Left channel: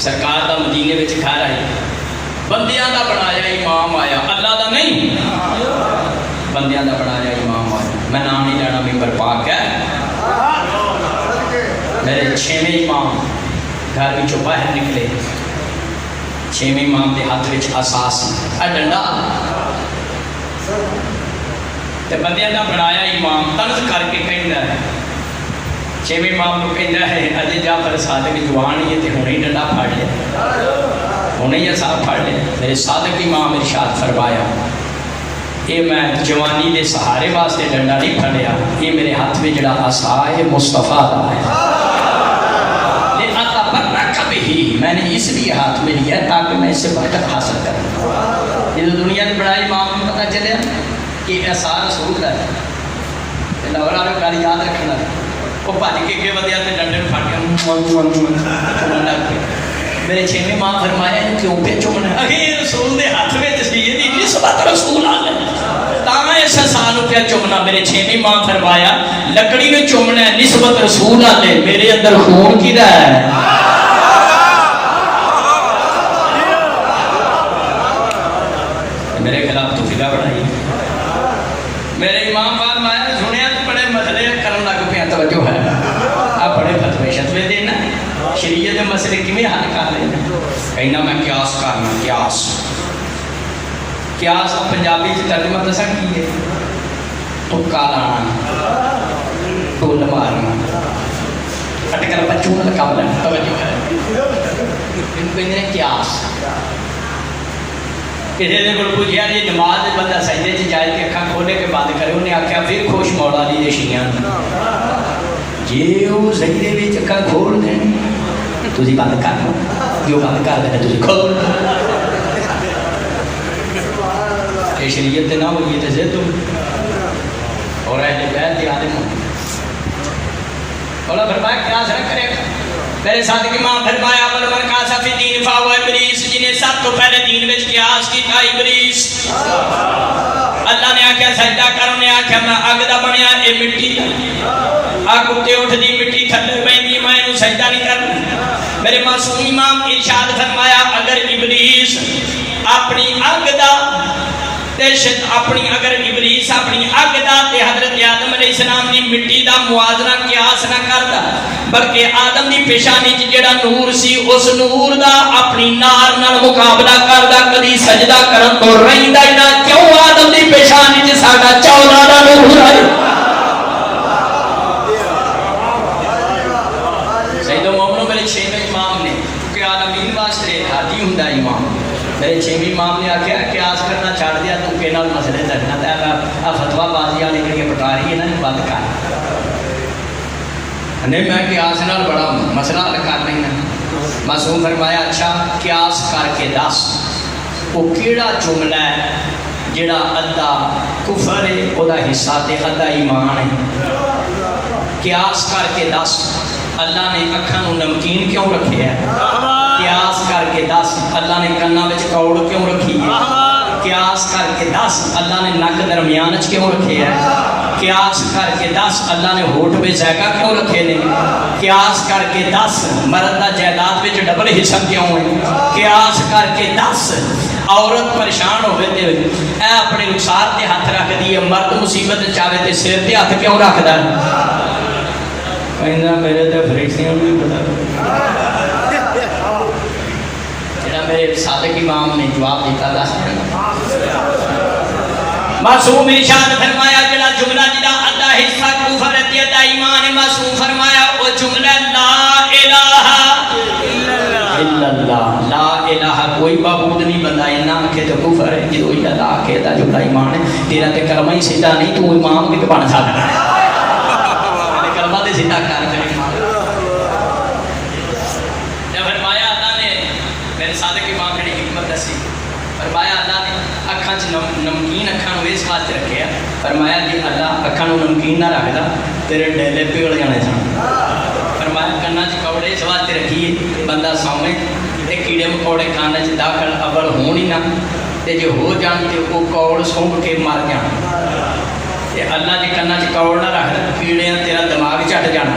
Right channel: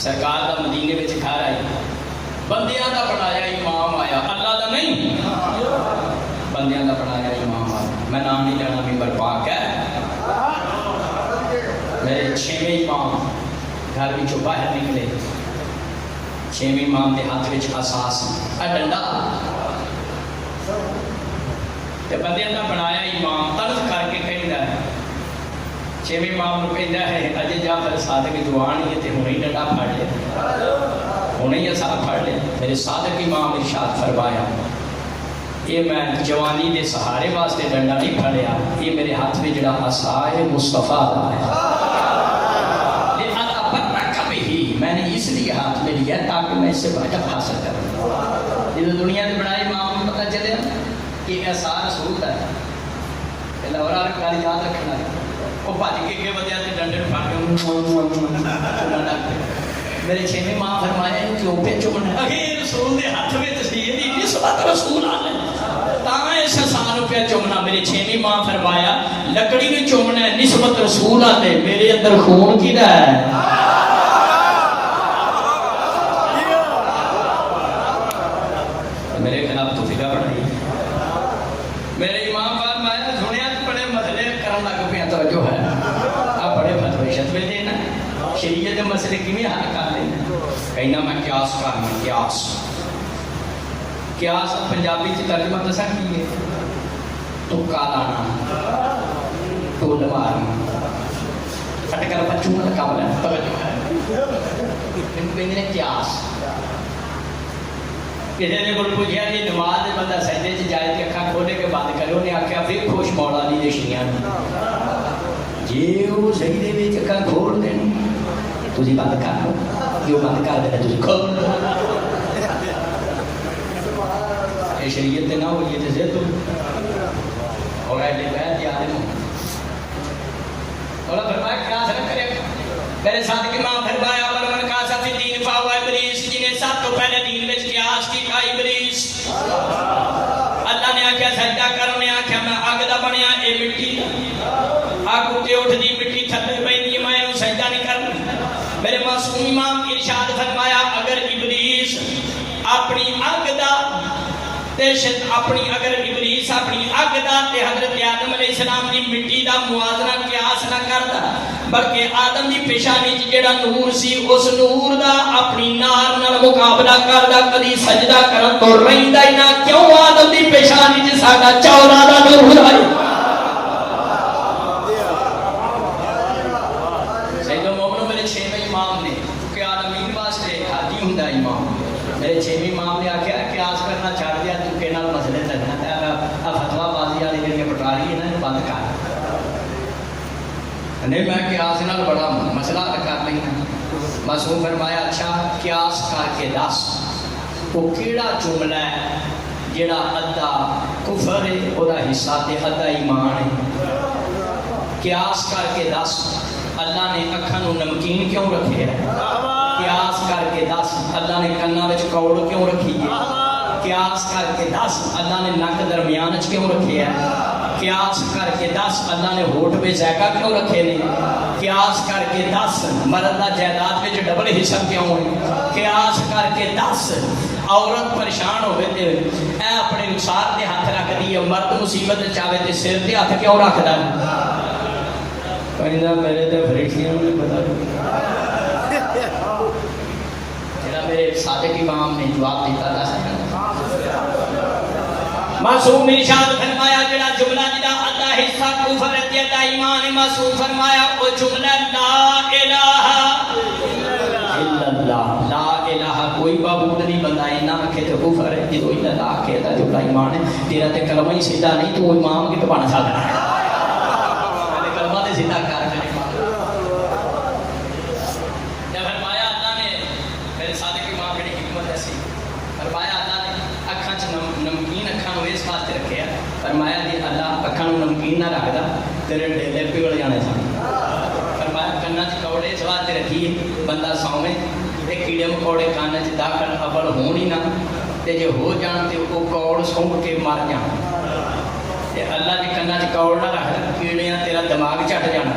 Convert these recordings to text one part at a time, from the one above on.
سرکار دا مدینے وچ گھر آئی، بندیاں دا بنایا امام آیا، اللہ دا نہیں، بندیاں دا بنایا امام آیا۔ میں نام نہیں لینا، ممبر پاک ہے۔ میرے 6ویں امام گھر وچوں باہر نکلے، 6ویں امام دے ہاتھ وچ اساس ڈنڈا تے بندیاں دا بنایا امام طرز کر کے کہندا ہے، 6ویں امام نوں کہندا ہے اجے جعفر صادق جوان ہی تے ہنے ڈنڈا پھڑ لیا، ہنے ہی اساں پھڑ لیا۔ میرے صادق امام ارشاد فرمایا، یہ میں جوانی دے سہارے واسطے ڈنڈا نہیں پھڑیا، یہ میرے ہاتھ میں جڑا عصا ہے مصطفیٰ دا ہے، میں نے اس لیے ہاتھ میں لیا تاکہ میں اس سے برکت حاصل کروں۔ یہ دنیا میں بڑا امام میں پتہ چلے کہ عصا رسول ہے، لاہور والے گل یاد رکھنا، وہ بھج کے اگے ودیا تے ڈنڈے پھڑ کے میرے 6ویں ماں فرمایا کیوں پہ چمنا، اگے رسول دے ہاتھ میں تصویر دی نسبت رسول آلے تاں اس سال پہ چمنا۔ میرے 6ویں ماں فرمایا لکڑی میں چمنا ہے نسبت رسول آلے، میرے اندر خون کی دا ہے۔ میرے خلاف تو فضا بڑھائی، میرے امام فرمایا سنیا تو بڑے مسئلے کرن لگ پیا، توجہ ہے آپ بڑے فتوے شتوے دینا شریعت کے مسئلے کیویں حل کر لینا، کہنا میں قیاس کرنا، قیاس پنجابی چ ترجمہ دسا کی ہے، تکا لانا، ٹول مارنا، اٹکل بچوں کا قابل ہے، توجہ ہے ان کو کہتے ہیں قیاس۔ کسی نے کوئی پوچھا جی نماز بندہ سجدے چ جائے کہ اکھاں کھولے کے بند کرے، انہیں آخیا پھر خوش مولا دی رشیاں جی وہ سجدے وچ اکھاں کھول دیں تسی بند کر لو، جو بند کر دے تسی کھول لو، یہ شریعت نہ ہوئی تو زد ہو اور اہل بیت دی عالم ہو۔ مولا فرمایا قیاس نہ کرے، میرے صادق امام فرمایا پر من قاس فی دین فاو ابلیس، جنہیں سب تو پہلے دین وچ قیاس کیتا ابلیس۔ اللہ نے آکھیا سجدہ کرو، نے آکھیا میں اگ دا بنیا اے مٹی اگ اتے اٹھدی مٹی تھلے پیندی میں اینوں سجدہ نہیں کرنا۔ میرے معصوم امام ارشاد فرمایا اگر ابلیس اپنی اگ دا اپنی اگر ابلیس اپنی اگ دا تے حضرت آدم علیہ السلام دی مٹی دا موازنہ قیاس نہ کردا، بلکہ آدم دی پیشانی چ جڑا نور سی اس نور دا اپنی نار نال مقابلہ کردا، کدی سجدہ کرن تو رہندا ہی نہ، کیوں آدم دی پیشانی چ ساڈا 14 دا نور ہے۔ سیدو مومنو میرے 6ویں امام نے کہ عالمین واسطے ہاتھی ہوندا امام، میرے 6ویں امام نے آکھیا قیاس کرنا چھڑ دیا، تو کہ نال مسئلے درنا تے فتوا بازی والی جڑی پٹاری ہے نا بند کر، نہیں میں قیاس نال بڑا مسئلہ حل کر رہی ہوں۔ معصوم فرمایا اچھا قیاس کر کے دس وہ کیڑا جملہ ہے جڑا ادھا کفر ہے وہ حصہ تے ادھا ایمان ہے، قیاس کر کے دس اللہ نے اکھاں نوں نمکین کیوں رکھے ہے، قیاس کر کے دس اللہ نے کاناں وچ کوڑ کیوں رکھی ہے، قیاس کر کے دس اللہ نے نک درمیان وچ کیوں رکھے ہے، قیاس کر کے دس اللہ نے ہوٹ پہ ذائقہ کیوں رکھے نے، قیاس کر کے دس مرد دا جائیداد وچ ڈبل حصہ کیوں ہے، قیاس کر کے دس عورت پریشان ہوئے تے اے اپنے رخسار تے ہاتھ رکھ دی، مرد مصیبت چاہے تے سر تے ہاتھ کیوں رکھدا ہے، کہندا میرے تے فرشتیاں نوں پتہ جڑا میرے صادق امام نے جواب دیتا دس معصوم ارشاد فرمایا جڑا جملہ جڑا ادھا حصہ کفر تے ادھا ایمان ہے، معصوم فرمایا وہ جملہ لا الہ الا اللہ، لا الہ کوئی معبود نہیں بندہ ہے نہ کہ تو کفر ہے، جو اللہ کہتا جملہ ایمان ہے، تیرا تے کلمہ ہی سیدھا نہیں تو امام کے بن سکتا ہے، کلمہ تے سیدھا کر تے ایمان۔ فرمایا اللہ نے میرے صادق امام کی حکمت دسی، فرمایا اللہ نے اکھاں چ نمکین اکھاں نوں اس واسطے رکھیا، فرمایا کہ اللہ اکھاں نوں نمکین نہ رکھدا تیرے ڈیلے پیڑ جانے سن، فرمایا کاناں چ کوڑے اس واسطے رکھیے بندہ سوے تے کیڑے مکوڑے کاناں چ داخل اول ہون ہی نہ، تے جے ہو جان تے وہ کوڑ سونگ کے مار جان، تے اللہ جے کاناں چ کوڑ نہ رکھدا کیڑیاں تیرا دماغ چٹ جانا،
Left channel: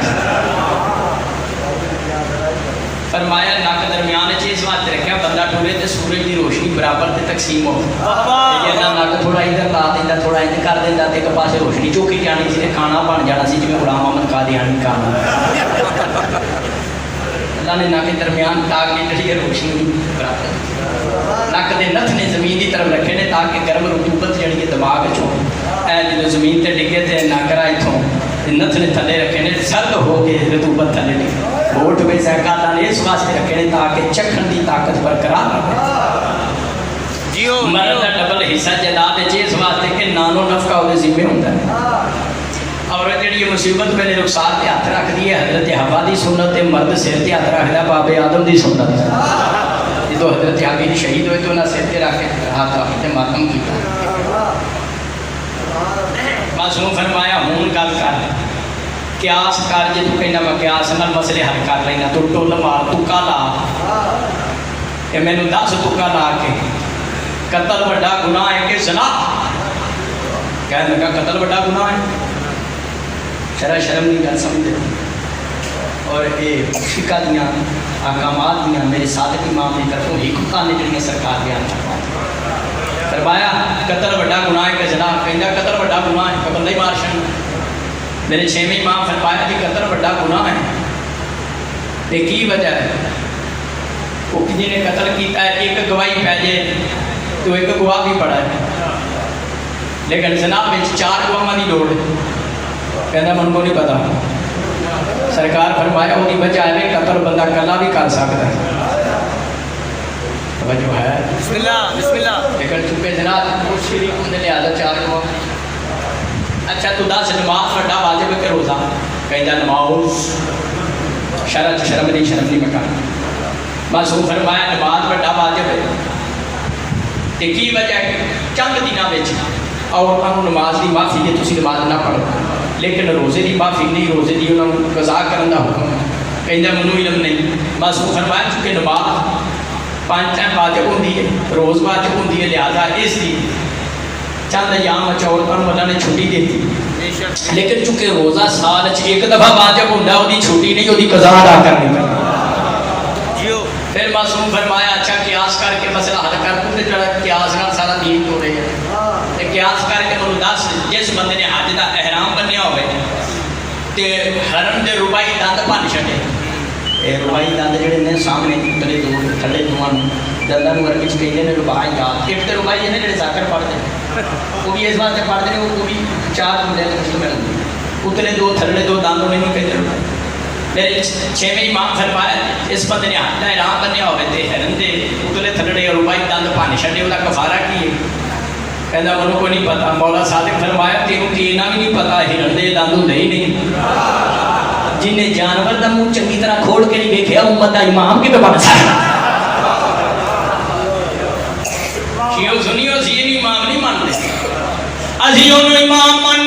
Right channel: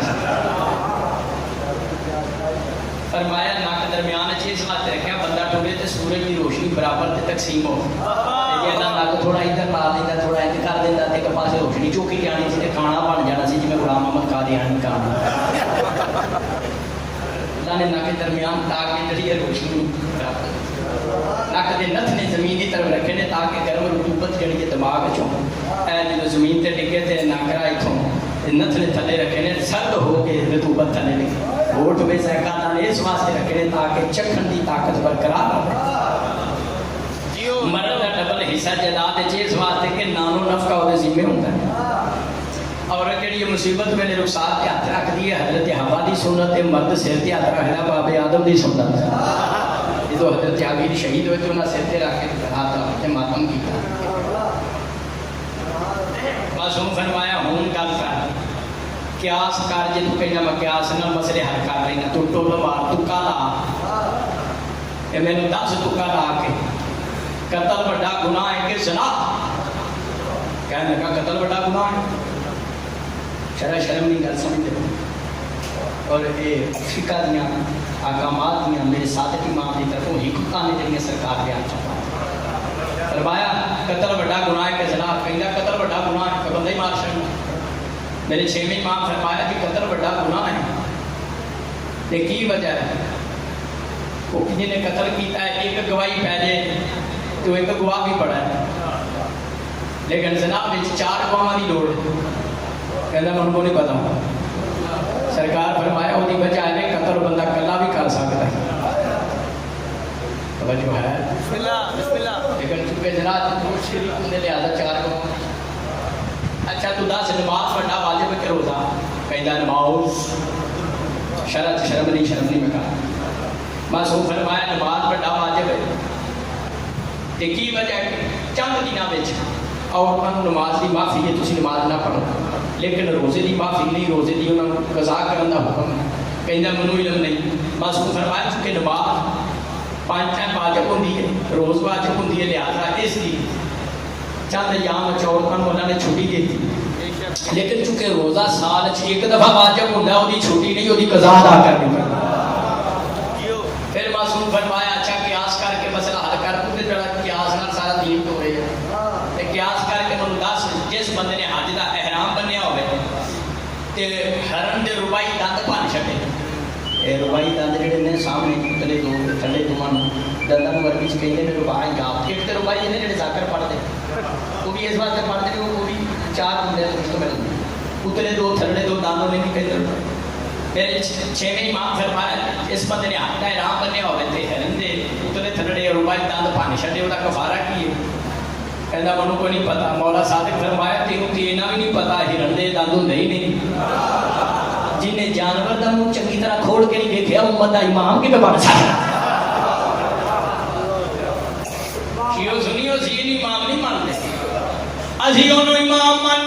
فرمایا نک درمیان اس واسطے رکھا بندہ ٹورے تو سورج کی روشنی برابر تے تقسیم ہو نک تھوڑا ادھر لا دینا تھوڑا ادھر کر دینا تو ایک پاس روشنی چوکی جانی سی کھانا بن جانا سی جی غلام احمد قادیانی کھانا اللہ نے نک درمیان تاکہ جی روشنی برابر نک کے نتھ نے زمین کی طرف رکھے نے تاکہ گرم رطوبت جڑی ہے دماغ چو جب زمین تے ڈگے تے ناکرا اتوں نتھ نے تھلے رکھے نے سرد ہو کے رطوبت تھلے ڈگے ووٹ بھی سرکار نے اس واسطے رکھے نے تاکہ چکھن دی طاقت برقرار رہے مرد کا ڈبل حصہ جائیداد ہے اس واسطے کہ نانو نفقہ وہ ذمہ ہوتا ہے عورت جڑی مصیبت پہلے رخسار تے ہاتھ رکھ دی ہے حضرت حوا دی سنت مرد سر تے ہاتھ رکھدا بابے آدم دی سنت جدو حضرت عابد شہید ہوئے تو انہاں سر تے رکھ کے ہاتھ رکھ کے ماتم کیتا معصوم فرمایا ہوں گل کر قیاس کر جے تو کہنا میں قیاس نال مسئلے حل کر لینا تو ٹول مار تکا لا اے مینوں دس تکا لا کے قتل بڑا گناہ ہے کہ زنا کہنے لگا قتل بڑا گناہ ہے شرم نہیں گل سمجھے اور یہ فقہ دیاں احکامات دیاں میرے صادق امام کی طرفوں حکمتاں نے جڑیاں سرکار بیان فرمایا قتل بڑا گناہ ہے کہ زنا کہندا قتل بڑا گناہ ہے کہ بندہ ہی مار چھڑ میرے چھویں امام فرمایا کہ قتل بڑا گناہ ہے تے کی وجہ ہے وہ جی نے قتل کیتا ہے ایک گواہی پہ جائے تو ایک گواہ بھی پڑا ہے لیکن جناب میں 4 گواہاں دی لوڑ ہے کہنا من کو نہیں پتا سرکار فرمایا وہ وجہ ہے قتل بندہ کلا بھی کر سکتا ہے جو ہے بسم اللہ لیکن چونکہ جناب وہ شریف نے لہذا 4 گواہ اچھا تو دس نماز پڑھنا واجب ہے کہ روزہ کہنا نماز شرم نہیں پکانا بس وہ فرمایا نماز پڑھنا واجب ہے کی وجہ ہے چند دنوں میں عورتوں کو نماز کی معافی ہے تھی نماز نہ پڑھو لیکن روزے کی معافی نہیں روزے کی انہوں نے قضا کرنے کا حکم ہے کہنا منو علم نہیں بس وہ فرمایا چونکہ نماز 5 ٹائم واجب ہوتی ہے روز واجب ہوتی ہے لہٰذا اس کی چند ایام عورتوں کو اللہ نے چھٹی دی تھی لیکن چونکہ روزہ سال ایک دفعہ واجب ہوتا وہ چھٹی نہیں وہ قضا ادا کرنی پڑی پھر معصوم فرمایا اچھا قیاس کر کے مسئلہ حل کر تو جڑا قیاس نال سارا دین ہو رہا ہے تے قیاس کر کے انہوں دس جس بندے نے حج دا احرام بنیا ہوئے تے حرم دے ربائی دند بن چھڈے اے ربائی دند جڑے نے سامنے تلے دو تھلے دوواں دنداں نوں عربی وچ کہندے نے ربائی دند ایک تے ربائی نے جڑے ذکر پڑھدے وہ بھی اس واسطے پڑھدے نے وہ بھی 4 بندے تقسیم کر دے اتلے دو تھلے دو دند نہیں کہندے میرے 6ویں امام فرمایا اس بندے نے حج دا احرام بنیا ہوئے تے حرم دے اتلے تھلے ربائی دند بن چھڈے وہ کفارہ کی ہے کہنا منو کو نہیں پتا مولا صادق فرمایا تینوں کی انہاں بھی نہیں پتا ہرن دے دند ہوندے ہی نہیں جن نے جانور دا منہ چنگی طرح کھول کے نہیں دیکھا امت دا امام کی بن سکتا شیعو سنیو سی امام نہیں مانتے ازی انہوں امام مان